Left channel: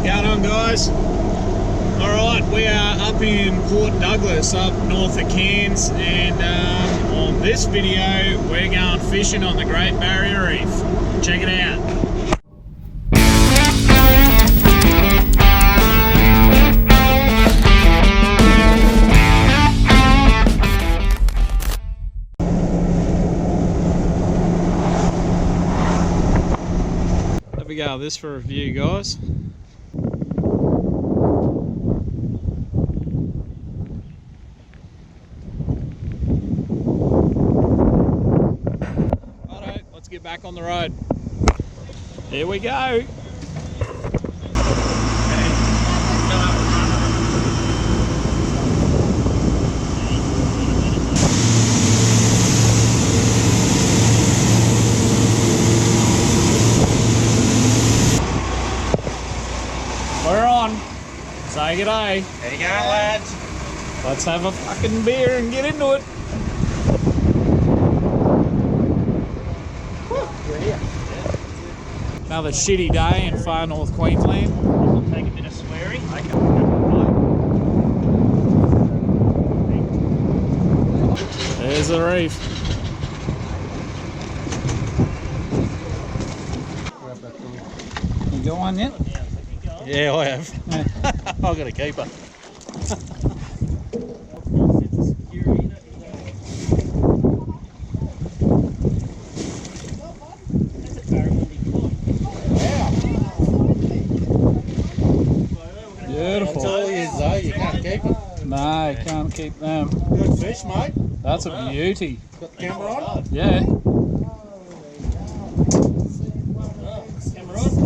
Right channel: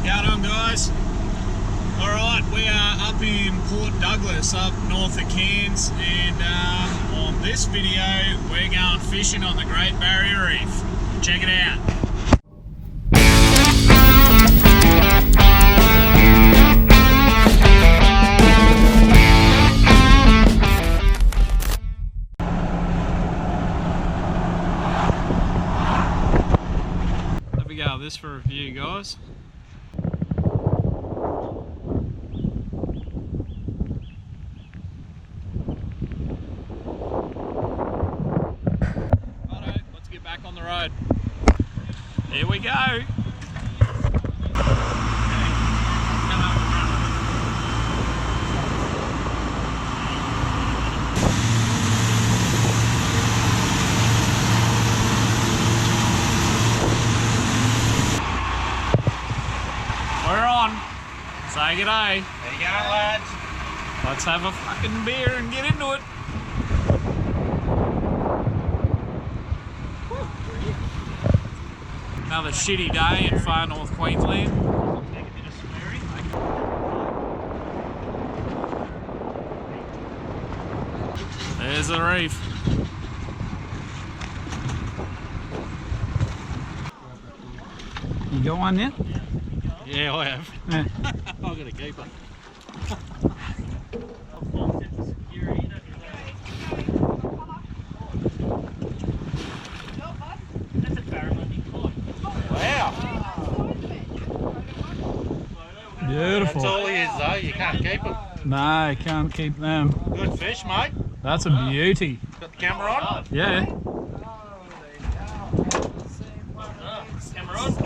What's going on, guys? Alright, we are up in Port Douglas, up north of Cairns, and on this video we're going fishing on the Great Barrier Reef. Check it out. There we go, this for review, guys. Righto, let's get back on the road. Here we go. We're on. Say g'day. There you go, lads. Let's have a fucking beer and get into it. Another shitty day in far North Queensland. Take a bit of sweary. There's the reef. You go on yet? Yeah, I have. Yeah. I've got a keeper. Beautiful. That's all he is though, you can't keep him. No, you can't keep them. Good fish, mate. That's a beauty. Got the camera on? Yeah. Camera on?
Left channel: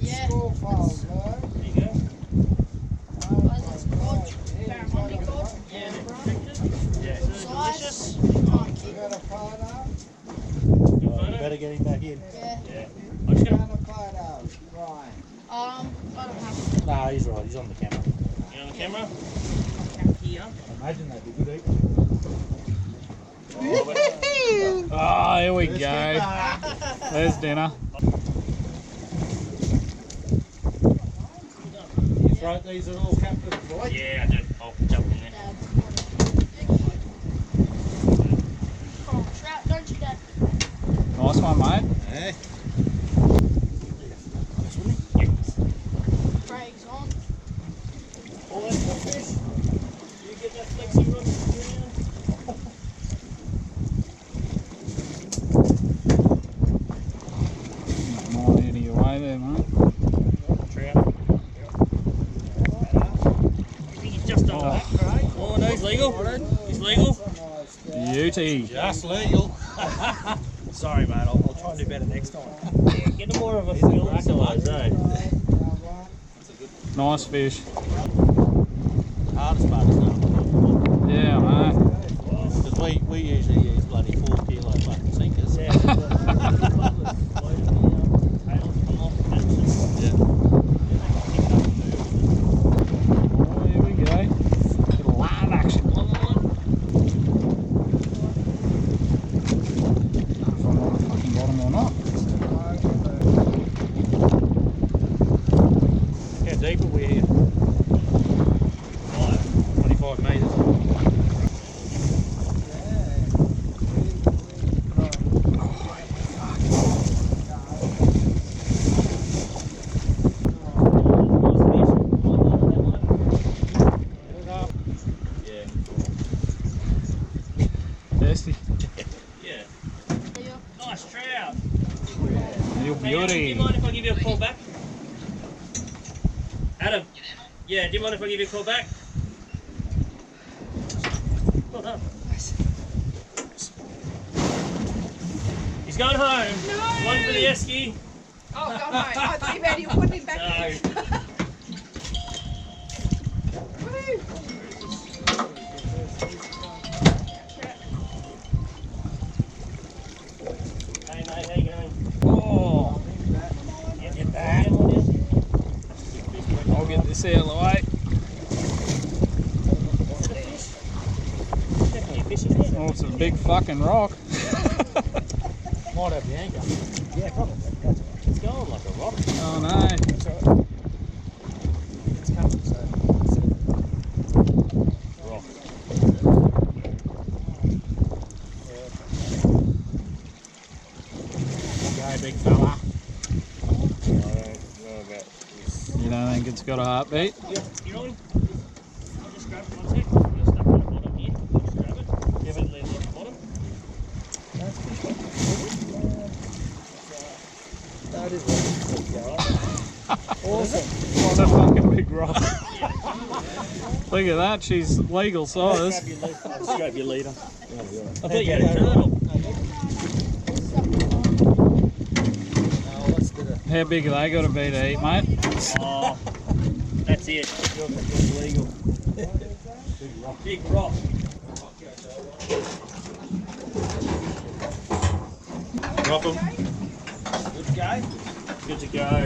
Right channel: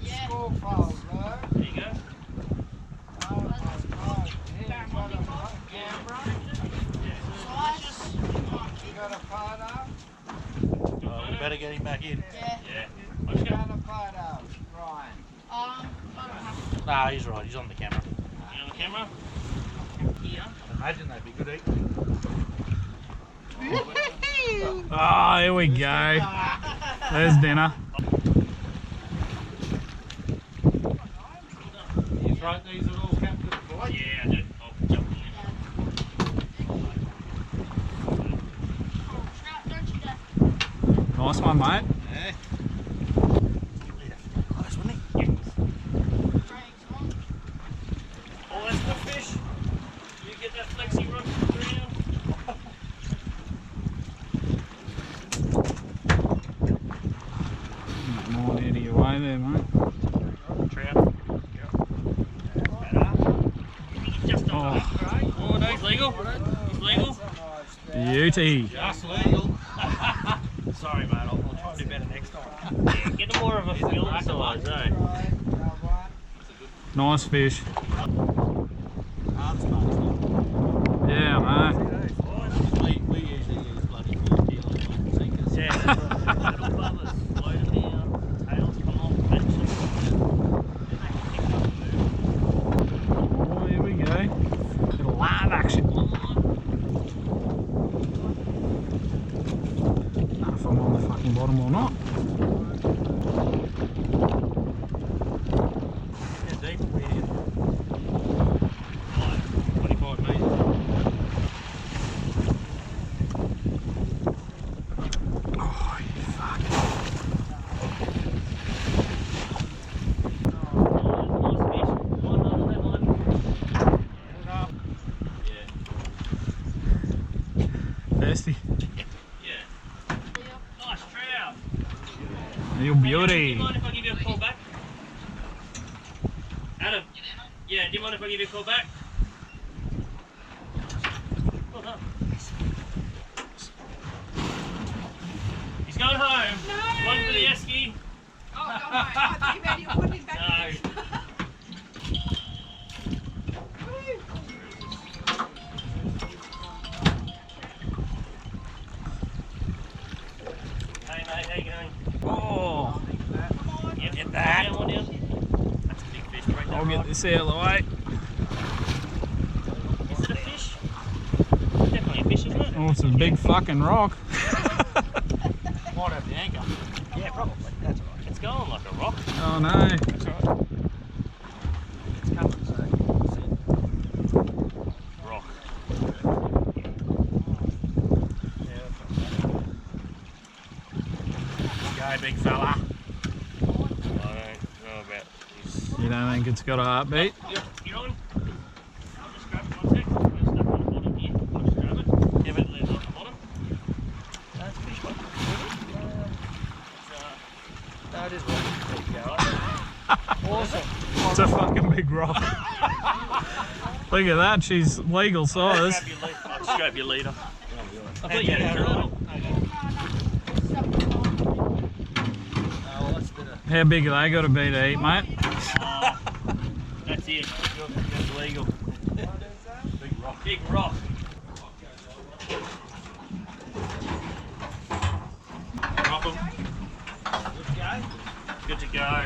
Yeah. There you go. You better get him back in. Yeah. Yeah. I'm just gonna... I don't have. Nah, he's right. He's on the camera. You on the camera? Here. Imagine that'd be good eating. Oh, here we go. There's dinner. You throw these at all captain flight? Yeah, I did. I'll jump in there. Coral Trout, don't you, Dad? Nice one, mate. Yeah. Craig's on. Oh, that's the fish. You get that flexi rod around. More out of your way there, mate. Trout. He's just on that, right? Oh, no, he's legal. He's legal. Beauty. Just legal. Sorry, mate. I'll try and do better next time. Yeah, get him more of a fillet size, eh? Nice fish. Hardest part is now. Yeah, mate. Because we usually use bloody 4 kilo fucking sinkers. Yeah, that's right. Little bubblers floating there, tails come off, benches. Oh, here we go. Bit of live action. I don't know if I'm on the fucking bottom or not. How deep are we here? 25 metres. Thirsty. Yeah. Nice trout. You Hey, Adam, do beauty. you mind if I give you a call back? Adam. Yeah, do you mind if I give you a call back? Well done. He's going home. No. One for the esky. Oh, God, no. I thought you meant you were putting him back No. in. Hey mate, how you going? Oh, Yep. Get that. One down. That's a big fish. Right I'll get this out of the way. Is it a fish? Definitely a fish, isn't it? Oh, it's a big fucking rock. Might have the anchor. Yeah, probably. That's all right. It's going like a rock. Oh no. That's all right. about. You don't think it's got a heartbeat? Yep, you're on. I'll just grab it 1 sec. You're stuck on the bottom here. I'll just grab it. Give it leaves off the bottom. That's fish one. No, it is one. Awesome. It's a fucking big rock. Look at that, she's legal size. Grab your lead. I'll just grab your leader. I thought you had a turtle. How big are they got to be to eat, mate? Oh, that's it. It's legal. Big rock. Big rock. Drop them. Good to go? Good to go.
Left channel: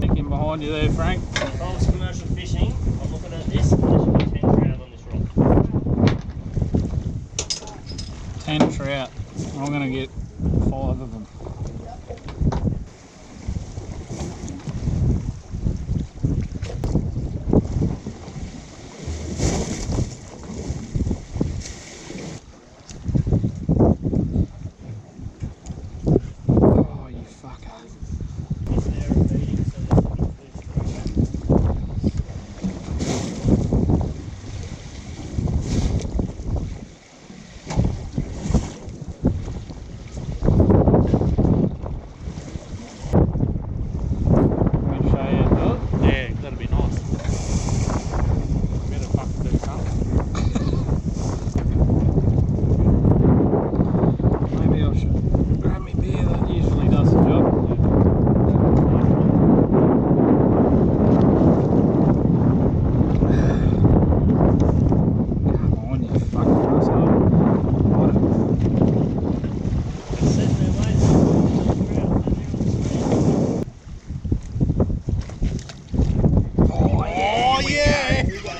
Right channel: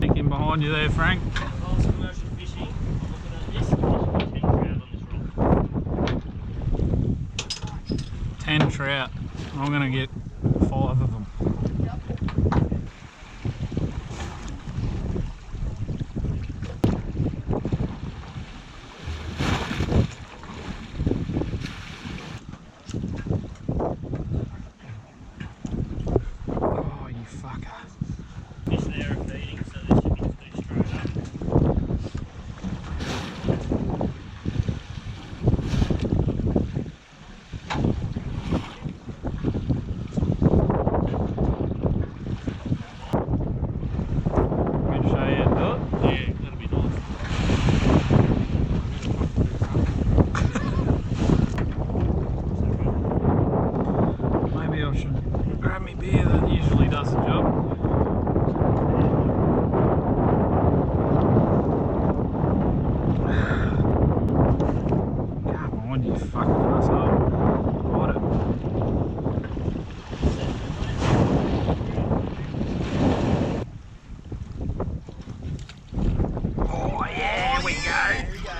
Take him behind you there, Frank. If I was commercial fishing, I'm looking at this, and there should be 10 trout on this rock. 10 trout. I'm going to get 5 of them. Oh, you fucker. Fish there are feeding, so there should be 2 straight. Let me show you how to do it. Yeah, that'd be nice. Better fucking do something. Maybe I should grab me beer, that usually does the job. Come on, you fucking asshole. Got it. Set their ways. Oh yeah, we go.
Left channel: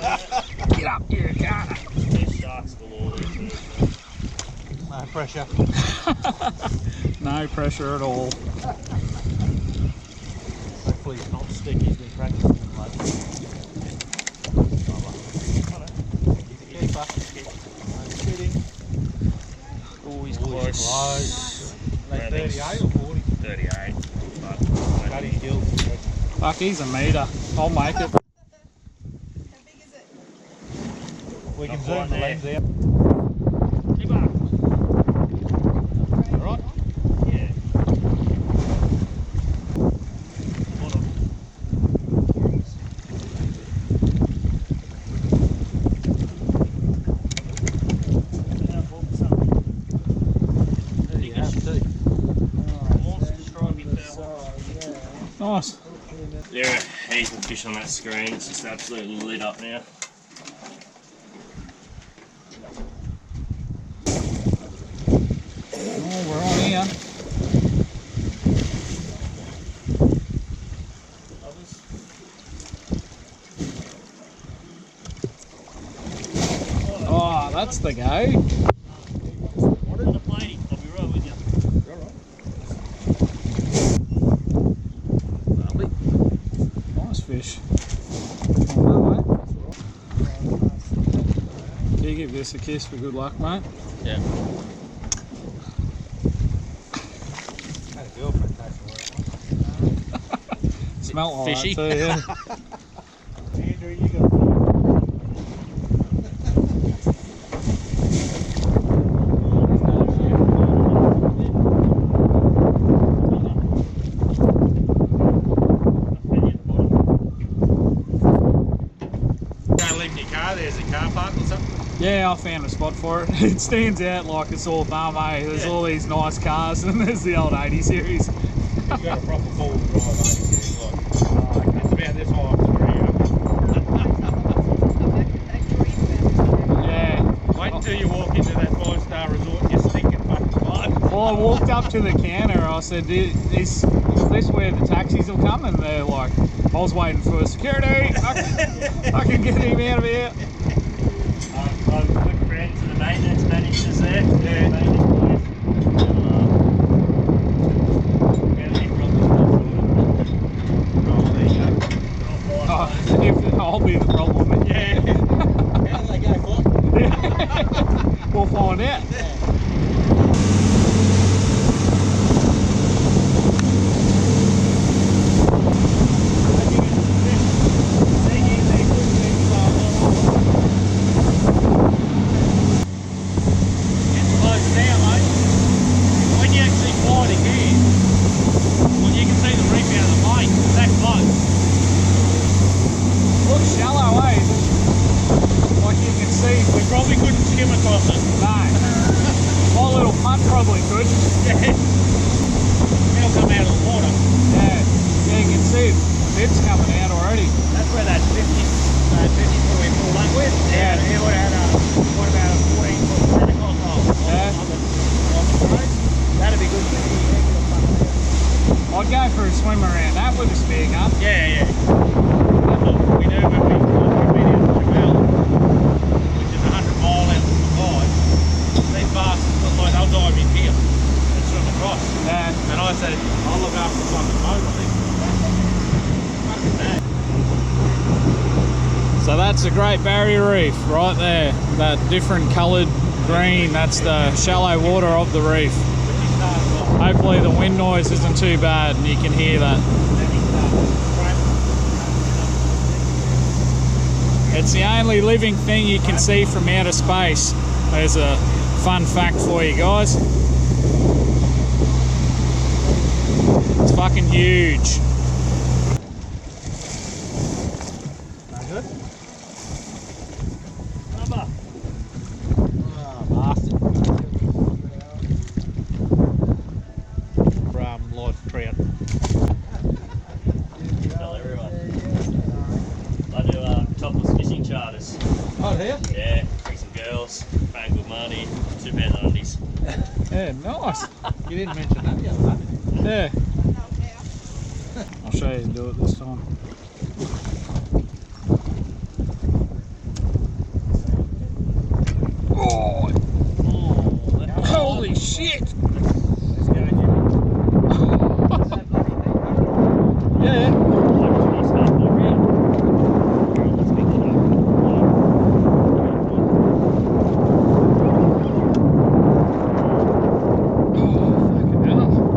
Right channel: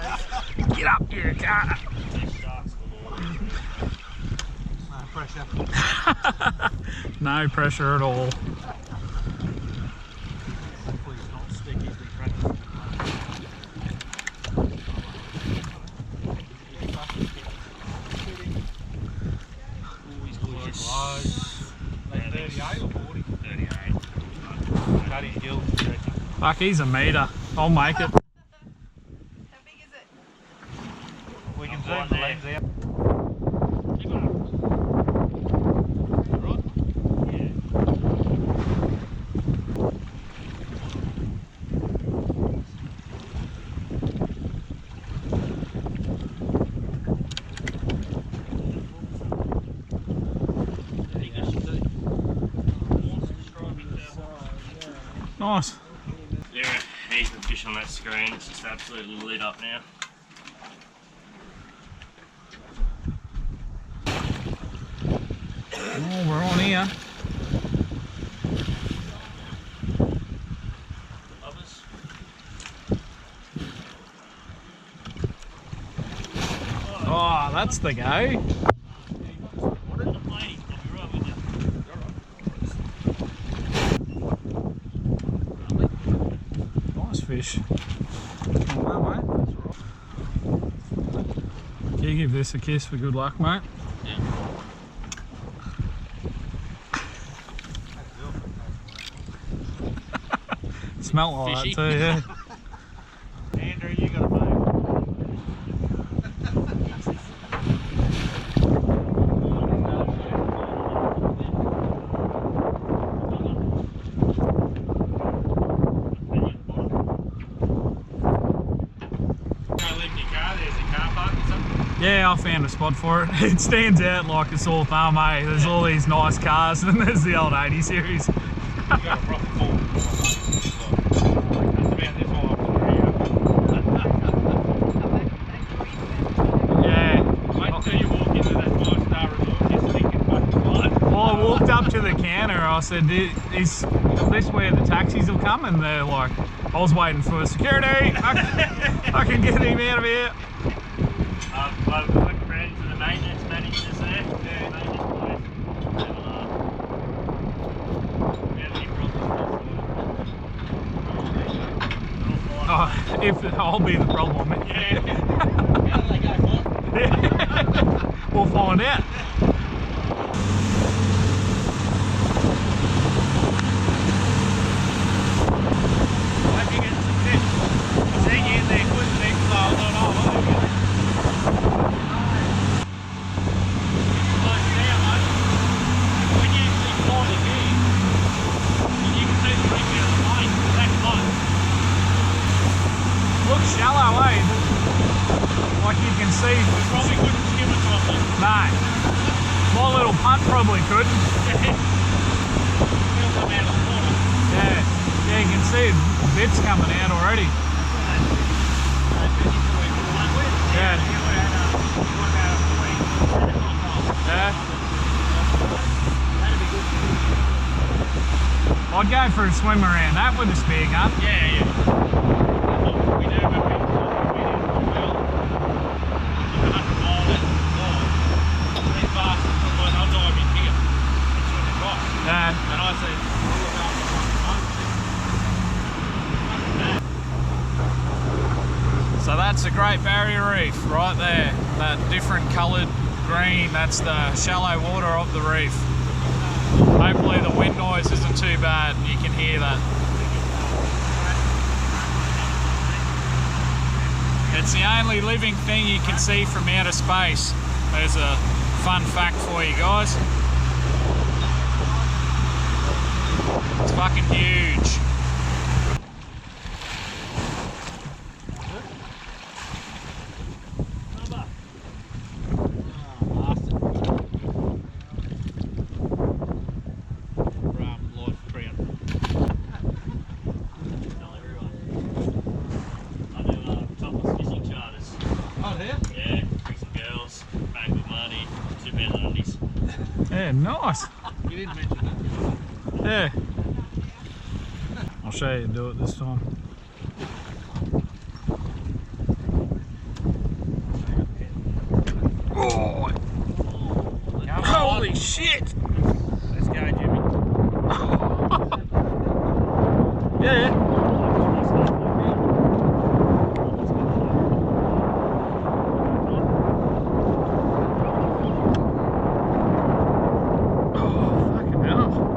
Get up, you car. These sharks galore there too. No pressure. No pressure at all. Hopefully it's not sticky. He's been practicing lately. Oh, he's close. Close. Like Yeah, 38 or 40? 38. Cut his gills. Fuck, he's a meter. I'll make it. How big is it? We can Not zoom quite the there. lens out. Keep up. Alright? Yeah. There you go. Monster strawberry purple. Nice. There are heaps of fish on that screen. It's just absolutely lit up now. Oh, we're on here. Others? Oh, that's the go. On a plate. I'll be right with you. Lovely. Nice fish. Come on, mate. You give this a kiss for good luck, mate. Yeah. Had a girlfriend pay for it. Smelt like Fishy. that too, yeah. Andrew, you gotta move. Don't leave in your car, there's a car park or something. Yeah, I found a spot for it. It stands out like a sore thumb, eh? There's all these nice cars and there's the old 80 series. You got a proper full drive. That's about this high off the tree. Yeah. Wait until you walk into that 5-star resort, you're stinking fucking close. Well, I walked up to the counter. I said, "Is this where the taxis will come?" And they're like, "I was waiting for security. I can get him out of here." I'm good friends with the maintenance managers there. Yeah. Maintenance boys. Never laugh. We have any problems, Oh, there you go. Oh, if I'll be the problem. Yeah. How do they go, what? We'll find out. Maybe shallow, eh? Like you can see. We probably couldn't skim across it. No. My little punt probably couldn't. It'll come out of the water. Yeah. Yeah, you can see bits coming out already. That's where that 50 foot we pulled up with. Yeah. He would have had what about a 14-foot Santa Claus hole? Yeah. That'd be good for me. I'd go for a swim around that with a spear gun. Yeah. That's what we do when we've been in Jamel, which is 100 mile out of the line. These bastards look like they'll dive in here and swim across. Yeah. And I said, I'll look after something mostly. So that's the Great Barrier Reef right there. That different coloured green, that's the shallow water of the reef. Hopefully the wind noise isn't too bad and you can hear that. It's the only living thing you can see from outer space. There's a fun fact for you guys. It's fucking huge. Live trout. Tell everyone. I do topless fishing charters. Oh, here? Yeah, bring some girls, pay good money, 2 pairs of undies. Yeah, nice. You didn't mention that yet, huh? Yeah. I'll show you do it this time. Oh, holy shit! Let's go, Jimmy. Yeah.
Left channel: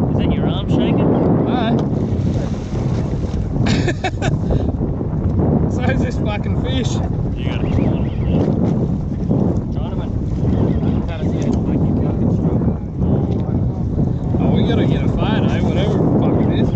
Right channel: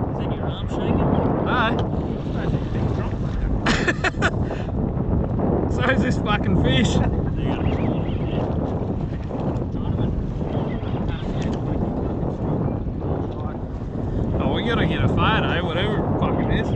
Is that your arm shaking? No. So is this fucking fish. You got a Chinaman. Oh, we gotta get a photo, whatever the fuck it is.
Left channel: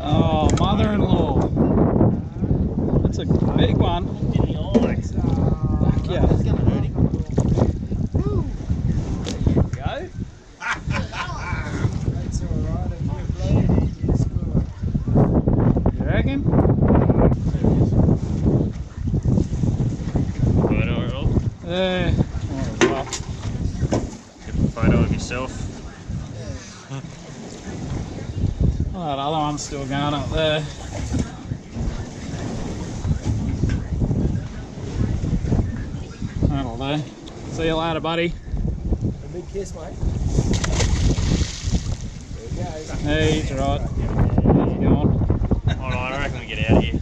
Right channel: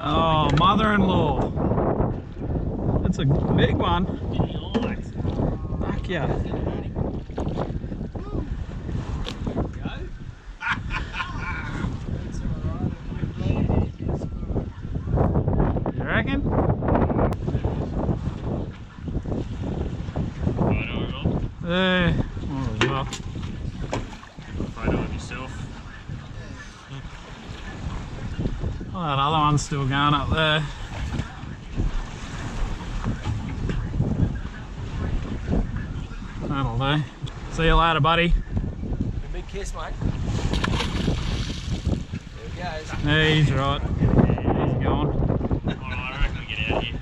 Oh, mother-in-law. That's a big one. Fuck yeah. There you go. That's alright, if we play it easy to score. You reckon? Photo, Rob. Might as well. Get a photo of yourself. Well, that other one's still going up there. That'll do. See you later, buddy. A big kiss, mate. There we go. Hey, he's right. He's going. Alright, I reckon we get out of here.